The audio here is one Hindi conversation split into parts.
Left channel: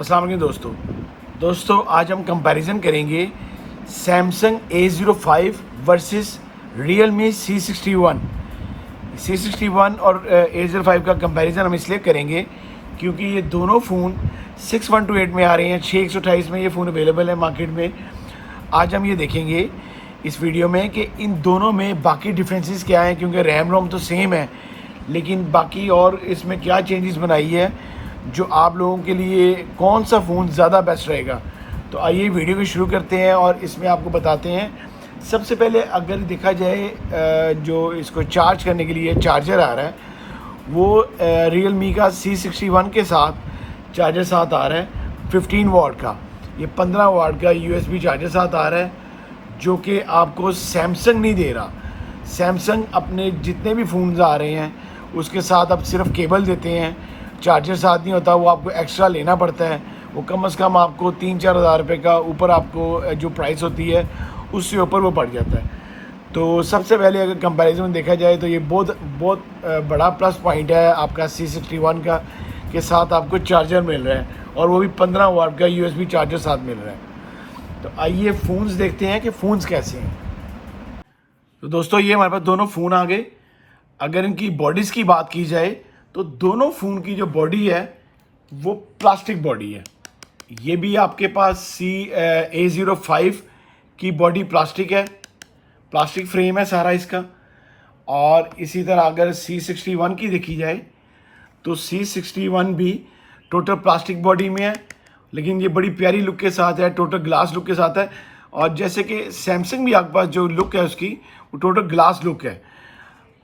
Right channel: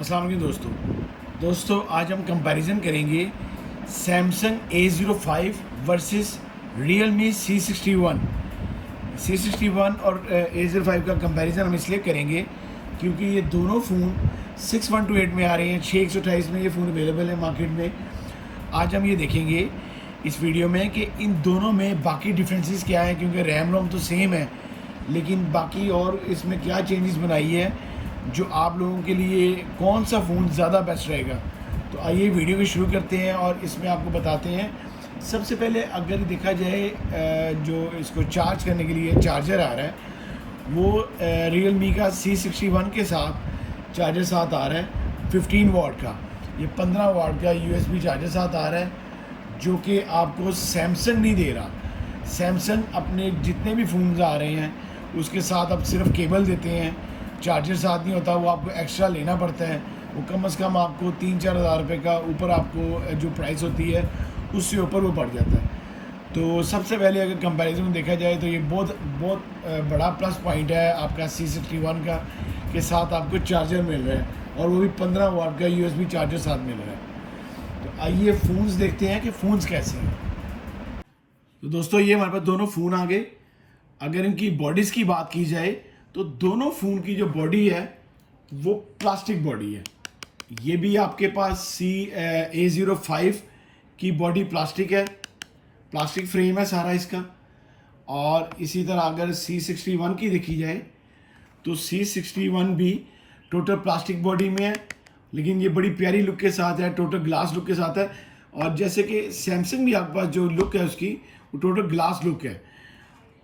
अस्सलाम वालेकुम दोस्तों आज हम कंपैरिजन करेंगे Samsung A05 versus Realme C61 और A05 का कंपैरिजन हम इसलिए करेंगे क्योंकि ये दोनों फ़ोन 6128 में आ रहे हैं। 6128 में ये फ़ोन अवेलेबल है मार्केट में। आज हम ये देखेंगे इस वीडियो में कि इन दोनों में बाकी डिफरेंसेस क्या हैं, क्योंकि रैम रोम तो सेम है लेकिन बाकी और इसमें क्या चेंजेस बनाई है जो आप लोगों के लिए कौन सा फ़ोन ज़्यादा बेस्ट रहेगा। तो आइए वीडियो को शुरू करते हैं और इसमें आपको बताते हैं। सबसे पहले अगर देखा जाए जो इसको चार्ज करने के लिए चार्जर आ रहा है वो Realme का C61 के साथ चार्जर साथ आ रहा है 15 वाट का। ये 15 वाट का USB चार्जर साथ आ रहा है जो कि आपको सैमसंग नहीं दे रहा। सैमसंग अपने जितने भी फ़ोन्स आ रहे हैं उसके साथ अब सिर्फ केबल देते हैं, चार्जर साथ नहीं होता, वो आपको एक्स्ट्रा लेना पड़ता है। वो कम से कम आपको 3-4 हज़ार रुपये का ऊपर आपको जो प्राइस होती है उससे ऊपर वो पड़ जाता है। तो सबसे पहले अगर कंपैरिजन में देखा जाए तो ये बहुत बड़ा प्लस पॉइंट है आपका C61 का के साथ आपको चार्जर मिल रहा है और वो भी 15 वाट का USB चार्जर साथ मिल रहा है। तो आइए फ़ोन्स देखते हैं कि फ़ोन्स कैसे हैं। तो दोस्तों ये हमारे पास दोनों फ़ोन आ गए। अगर इनकी बॉडीज़ की बात की जाए तो दोनों फ़ोन की जो बॉडी है वो प्लास्टिक बॉडी है। ये भी आपके पास A05 की बॉडी प्लास्टिक है, प्लास्टिक फ्रेम है सारा इसका। और इसी तरह अगर C61 की देखी जाए तो C61 भी टोटल प्लास्टिक बॉडी में है लेकिन ये बड़ी प्यारी लुक के साथ है, टोटल ग्लास लुक के साथ है। और जैसे कि सैमसंग भी आपके पास जो लुक है उसकी वो टोटल ग्लास लुक है।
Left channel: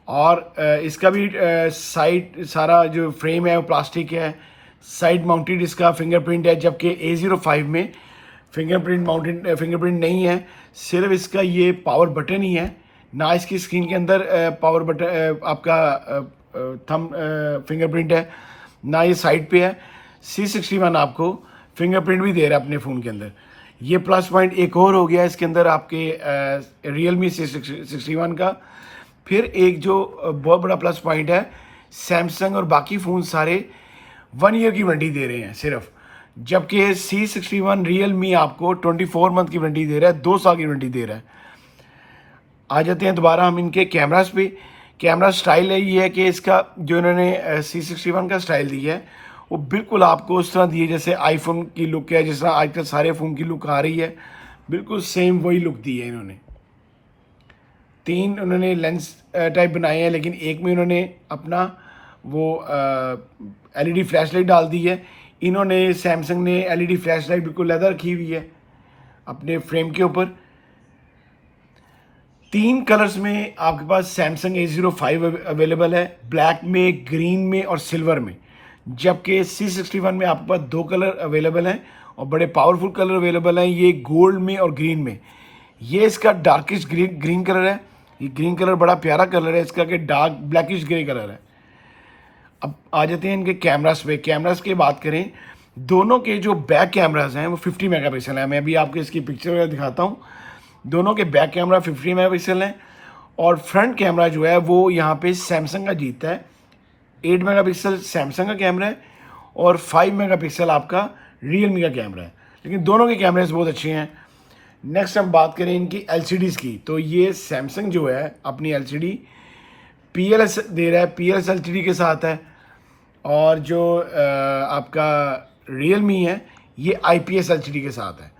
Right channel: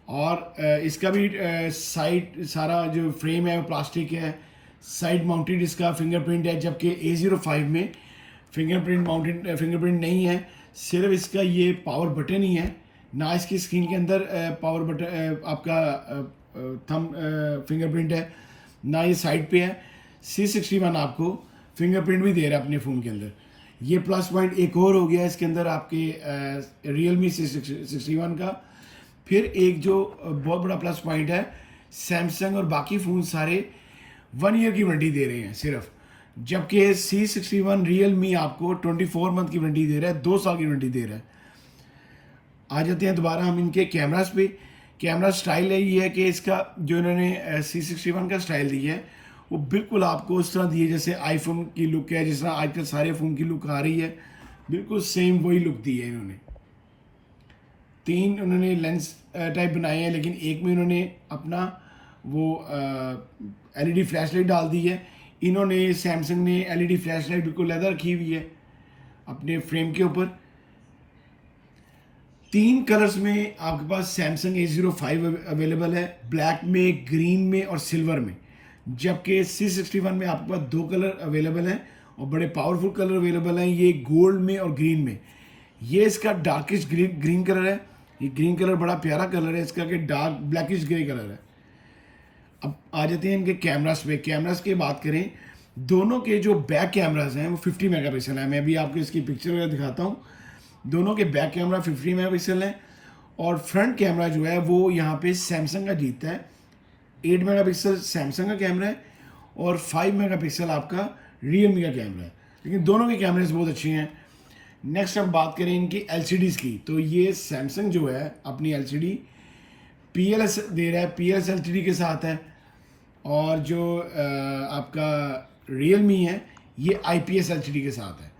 और इसका भी साइड सारा जो फ्रेम है वो प्लास्टिक है, साइड माउंटेड इसका फिंगरप्रिंट है, जबकि A05 में फिंगरप्रिंट नहीं है। सिर्फ इसका ये पावर बटन ही है, ना इसकी स्क्रीन के अंदर पावर बटन आपका थंब फिंगरप्रिंट है, ना ये साइड पे है। C61 आपको फिंगरप्रिंट भी दे रहा है अपने फ़ोन के अंदर। ये प्लस पॉइंट एक और हो गया इसके अंदर आपके Realme C61 का। फिर एक जो बहुत बड़ा प्लस पॉइंट है, सैमसंग और बाकी फ़ोन सारे 1 ईयर की वारंटी दे रहे हैं सिर्फ, जबकि C61 Realme आपको 24 मंथ की वारंटी दे रहा है, 2 साल की वारंटी दे रहा है। आ जाते हैं दोबारा हम इनके कैमरास पे। कैमरा स्टाइल है ये है कि इसका जो इन्होंने C61 का स्टाइल दिया है वो बिल्कुल आपको उस तरह दी है जैसे आईफोन की लुक है, जिस तरह आजकल सारे फ़ोन की लुक आ रही है, बिल्कुल सेम वही लुक दी है इन्होंने। 3 उन्होंने लेंस टाइप बनाए हैं लेकिन एक में उन्होंने अपना वो LED फ्लैश लाइट डाल दी है। इन्होंने सैमसंग ने LED फ्लैश लाइट बिल्कुल लेदर रखी हुई है अपने फ्रेम के ऊपर। 3 कलर्स में आपके पास सैमसंग A05 अवेलेबल है, ब्लैक में, ग्रीन में और सिल्वर में। जबकि C61 में आपके पास 2 कलर अवेलेबल हैं और बड़े पावरफुल कलर अवेलेबल हैं, ये गोल्ड में और ग्रीन में। ये इसका डार्किश ग्रीन कलर है। ये ग्रीन कलर बड़ा प्यारा कलर है इसका कि डार्क ब्लैकिश ग्रे कलर है। अब आ जाते हैं इनके कैमरास पे। कैमरास की बात करें, दोनों के जो बैक कैमरास हैं वो 50 मेगापिक्सल है। मैं अभी आपको इसकी पिक्चर वगैरह दिखाता हूँ। दोनों के बैक कैमरा 50 मेगापिक्सल हैं और फ्रंट कैमरा जो है वो यहाँ पे सैमसंग का जीतता है। 8 मेगापिक्सल सैमसंग का कैमरा है और 5 मेगापिक्सल आपका Realme का कैमरा है, लेकिन दोनों के कैमरेज बहुत अच्छे हैं। नेक्स्ट हम बात करें इनकी LCDs की, तो ये सैमसंग जो है अपनी LCD PLS दे रहा है, PLS LCD के साथ है। और जो आपका Realme है ये IPS LCD के साथ है।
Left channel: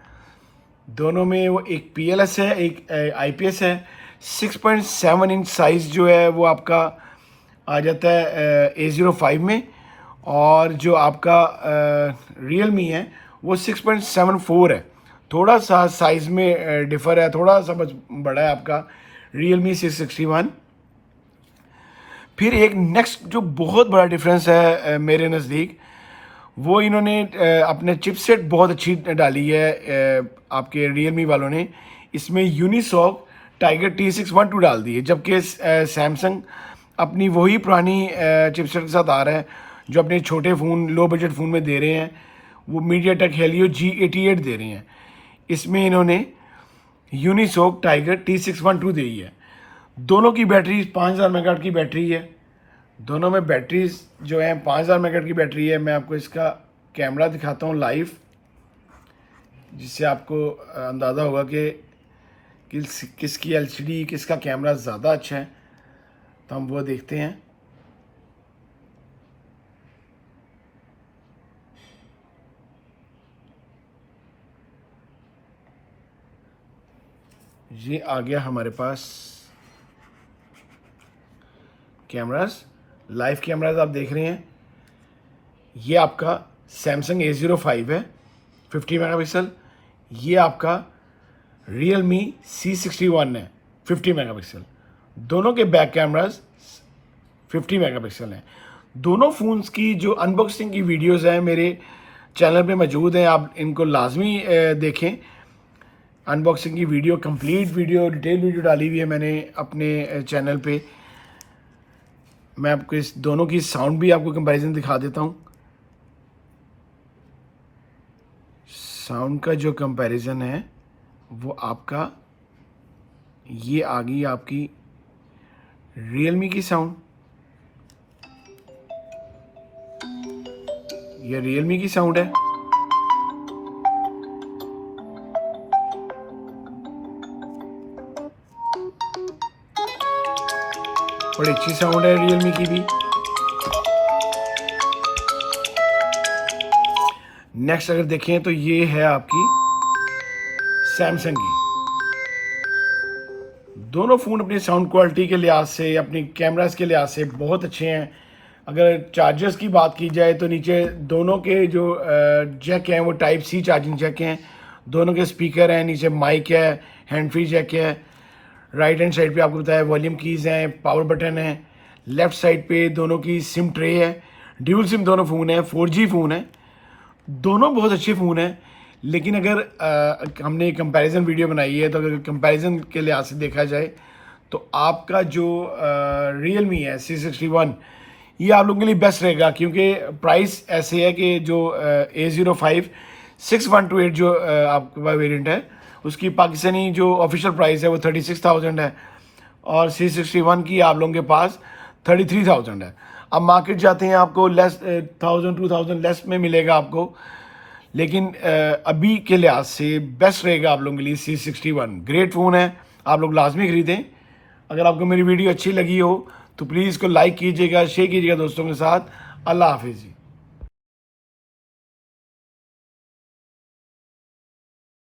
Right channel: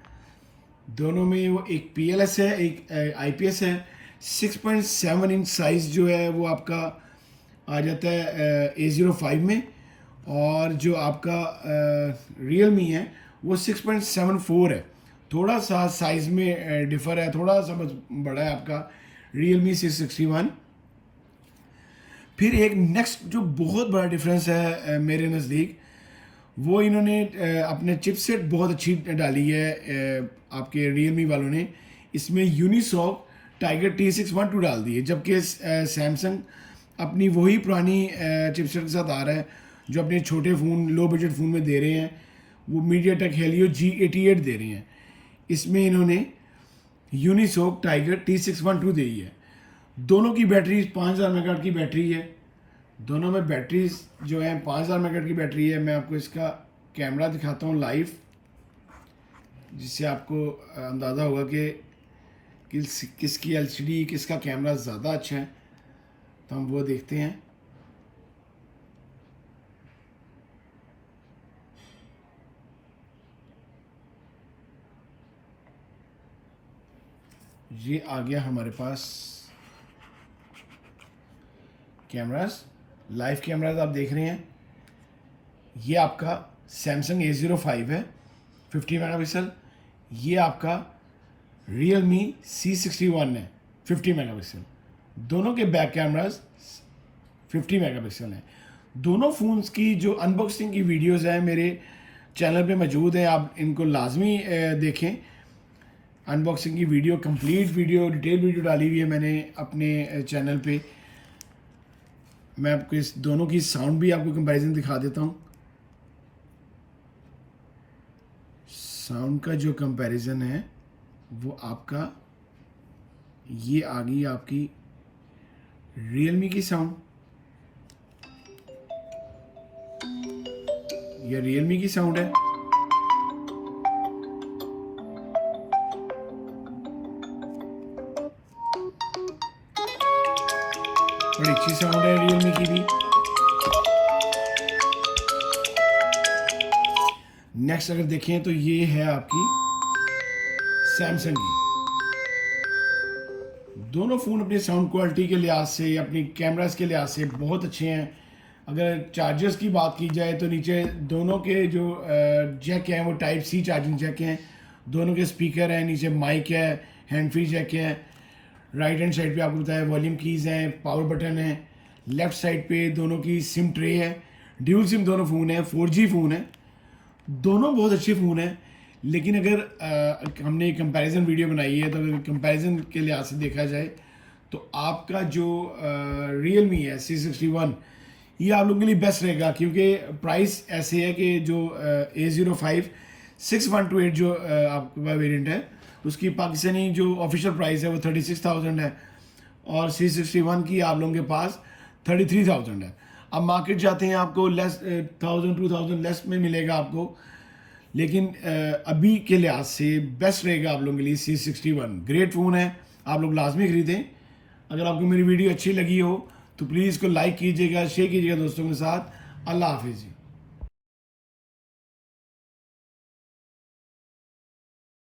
दोनों में वो एक PLS है, एक IPS है। 6.7 इंच साइज़ जो है वो आपका आ जाता है A05 में, और जो आपका Realme है वो 6.74 है। थोड़ा सा साइज़ में डिफ़र है, थोड़ा सा बड़ा है आपका Realme C61। फिर एक नेक्स्ट जो बहुत बड़ा डिफरेंस है मेरे नज़दीक, वो इन्होंने अपने चिपसेट बहुत अच्छी डाली है आपके Realme वालों ने। इसमें यूनिसॉक टाइगर T612 डाल दी है, जबकि सैमसंग अपनी वही पुरानी चिपसेट के साथ आ रहा है जो अपने छोटे फ़ोन लो बजट फ़ोन में दे रहे हैं। वो मीडियाटेक हेलियो G88 दे रहे हैं। इसमें इन्होंने यूनिसॉक टाइगर T612 दी है। दोनों की बैटरी 5000 मेगाहर्ट्ज़ की बैटरी है। दोनों में बैटरीज जो है 5000 मेगाहर्ट्ज़ की बैटरी है। मैं आपको इसका कैमरा दिखाता हूँ लाइव, जिससे आपको अंदाज़ा होगा कि किसकी एलसीडी, किसका कैमरा ज़्यादा अच्छा है। तो हम वो देखते हैं। ये आ गया हमारे पास कैमरास, लाइव कैमरास आप देख रहे हैं। ये आपका सैमसंग A05 है 50 मेगापिक्सल। ये आपका Realme C61 है 50 मेगापिक्सल। दोनों के बैक कैमरास 50 मेगापिक्सल हैं। दोनों फ़ोन्स की जो अनबॉक्सिंग की वीडियोस हैं मेरे चैनल पे मौजूद हैं, आप इनको लाजमी देखें। अनबॉक्सिंग की video, complete video, detail video डाली हुई है मैंने अपने चैनल पे। मैं आपको इस दोनों की साउंड भी आपको कंपैरिजन दिखा देता हूँ। साउंड का जो कंपैरिजन है वो आपका, ये आ गई आपकी Realme की साउंड, ये Realme की साउंड है। बड़ी अच्छी साउंड है Realme की भी। नेक्स्ट अगर देखें तो ये है आपकी सैमसंग की। दोनों फ़ोन अपनी साउंड क्वालिटी के लिहाज से, अपनी कैमरास के लिहाज से बहुत अच्छे हैं। अगर चार्जर्स की बात की जाए तो नीचे दोनों के जो जैक हैं वो टाइप सी चार्जिंग जैक हैं। दोनों के स्पीकर हैं, नीचे माइक है, हैंड फ्री जैक है। राइट हैंड साइड पे आपको बताया वॉल्यूम कीज़ हैं, पावर बटन है। लेफ़्ट साइड पे दोनों की सिम ट्रे है। ड्यूल सिम दोनों फ़ोन है, 4G फ़ोन है। दोनों बहुत अच्छे फ़ोन हैं। लेकिन अगर हमने कंपैरिजन वीडियो बनाई है तो अगर कंपैरिजन के लिहाज से देखा जाए तो आपका जो Realme है C61, ये आप लोगों के लिए बेस्ट रहेगा, क्योंकि प्राइस ऐसे है कि जो A05 6128 जो आपके पास वेरिएंट है उसकी पाकिस्तानी जो ऑफिशियल प्राइस है वो 36,000 है और C61 की आप लोगों के पास 33,000 है। अब मार्केट जाते हैं आपको लेस 1000-2000 लेस में मिलेगा आपको, लेकिन अभी के लिहाज से बेस्ट रहेगा आप लोगों के लिए C61। ग्रेट फ़ोन है, आप लोग लाजमी ख़रीदें। अगर आपको मेरी वीडियो अच्छी लगी हो तो प्लीज़ इसको लाइक कीजिएगा, शेयर कीजिएगा दोस्तों के साथ। अल्लाह हाफिज़।